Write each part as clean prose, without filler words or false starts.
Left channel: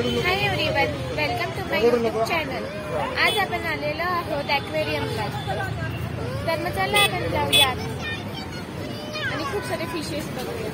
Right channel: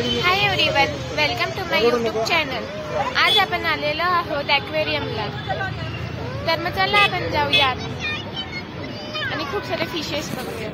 Hi everyone, welcome to my YouTube channel. आज आपण आलेलो आहोत ॲक्वेरियमला। तर मग चला आपण जाऊयात आणि खूप सारे फिशेस बघूया।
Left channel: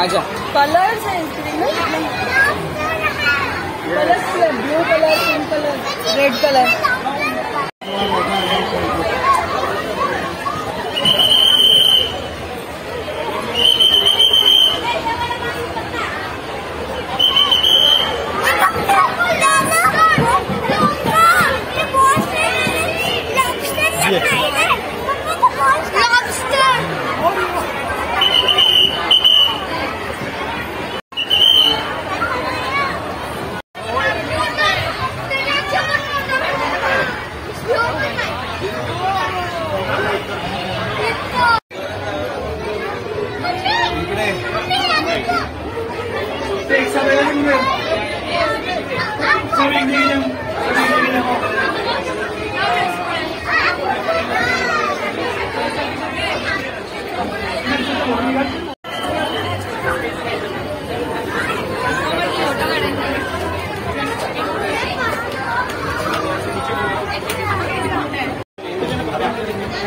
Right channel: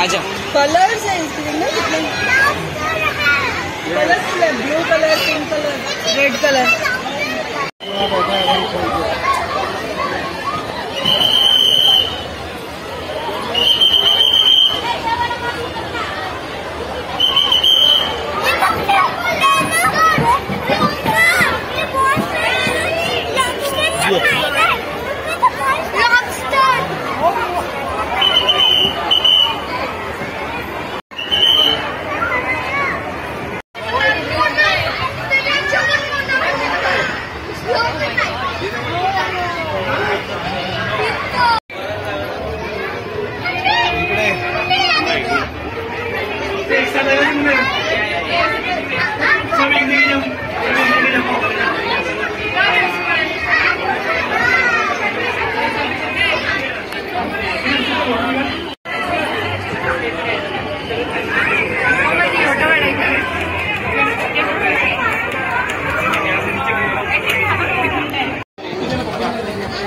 आजा कलर्स हैं इसमें, colours blue colour, pink colour, red colour.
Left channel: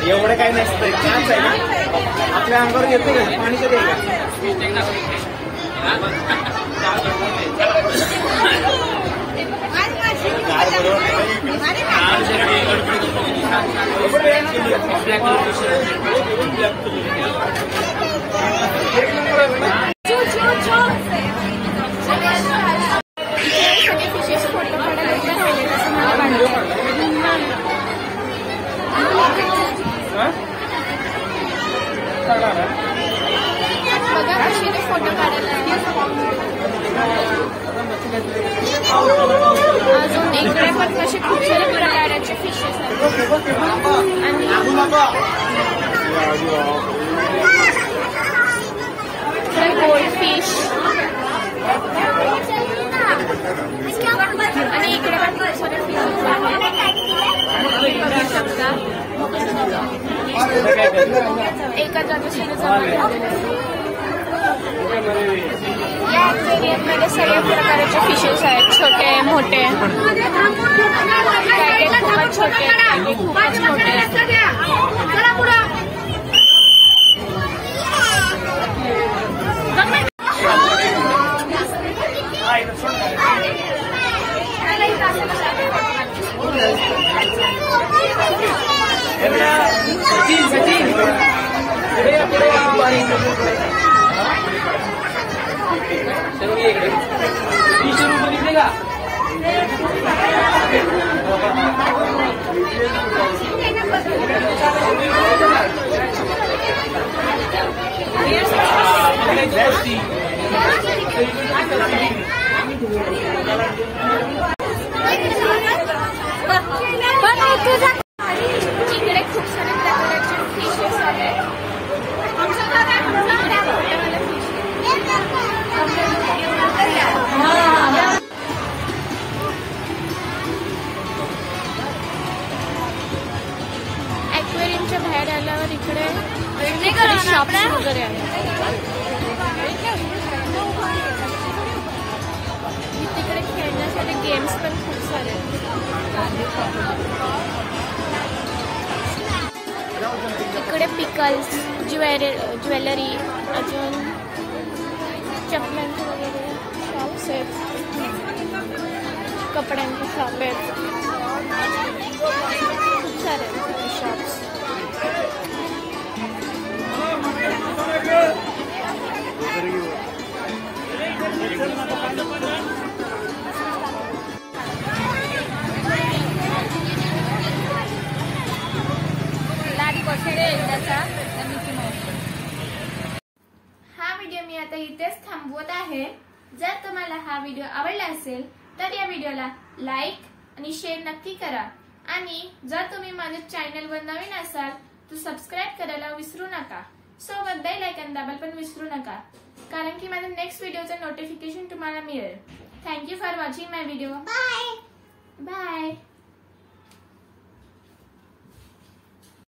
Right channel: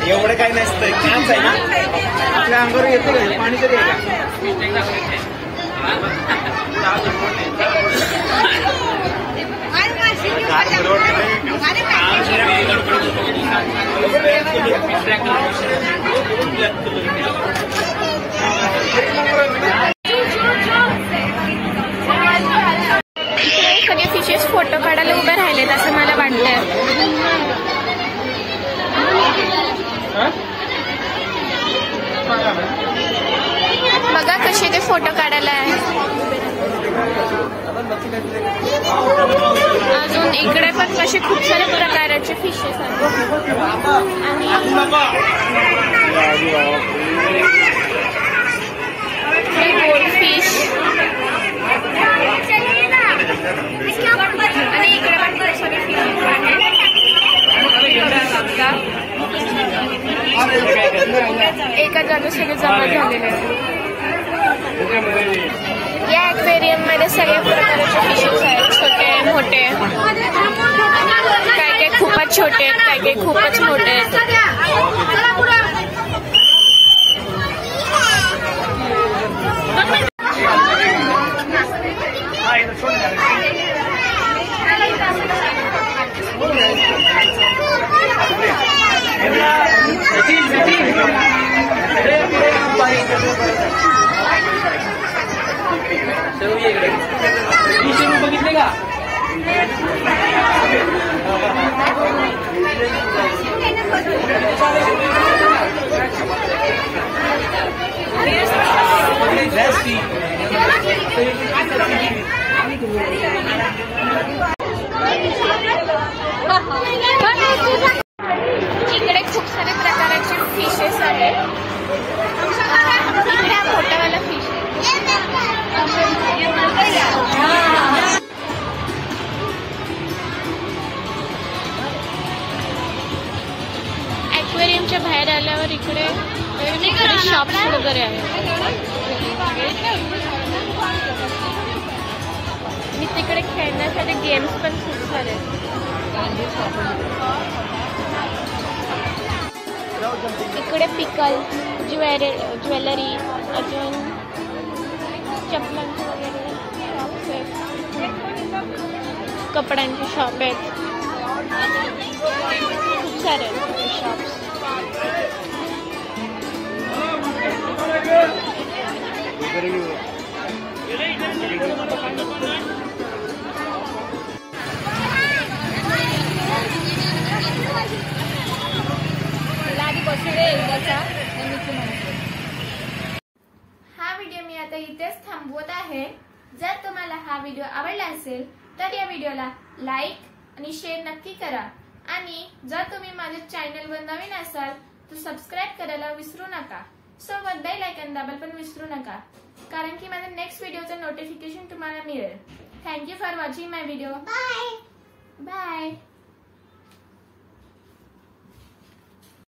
एवढं काही नसतं, छान आहे ना, आपल्या अंगावर येतो रे पाणी तरी सगळे फिशेस फोटो काढायला उभे राहिलेत असं मला वाटतंय। बघा कसे ते फोटो काढायला अजून इकडे पण कसे खूप सारे प्रकारचे फिशेस आहेत आणि गोल्ड फिश आणि इकडे पण खूप सारे फिशेस आहेत। एका जागी सगळे जमा झालेले आहेत। या ॲक्वेरियम मध्ये सगळ्या प्रकारचे फिशेस आहेत, छोटे मोठे, काय काय खूपच छोटे, काय काय खूपच मोठे। बघितले का? इकडे खूप सारे प्रकारचे फिशेस आहेत। इकडे मोठावाला फिश ॲक्वेरियमच्या बाहेर आल्यावर इकडे शॉप्स वगैरे आहेत। तिकडे खेळण्यासाठी गेम्स पण खूप सारे आहेत। इकडे पिकल्स, ज्वेलरी, अजून चपलांचे वगैरे शॉप्स आहेत, कपड्यांचे शॉप आहेत, खूप सारे आहेत शॉप्स। हा व्हिडिओ मी आता इथेच थांबवत आहे. जर तुम्हाला हा व्हिडिओ आवडला असेल तर या व्हिडिओला लाईक आणि शेअर नक्की करा. आणि जर तुम्ही माझ्या चॅनलवर नवीन असाल तर सबस्क्राईब करायला विसरू नका. सोबत बेल आयकॉन दाबायला पण विसरू नका, कारण की माझ्या नेक्स्ट व्हिडिओचं नोटिफिकेशन तुम्हाला मिळेल. Thank you for watching my video. Bye.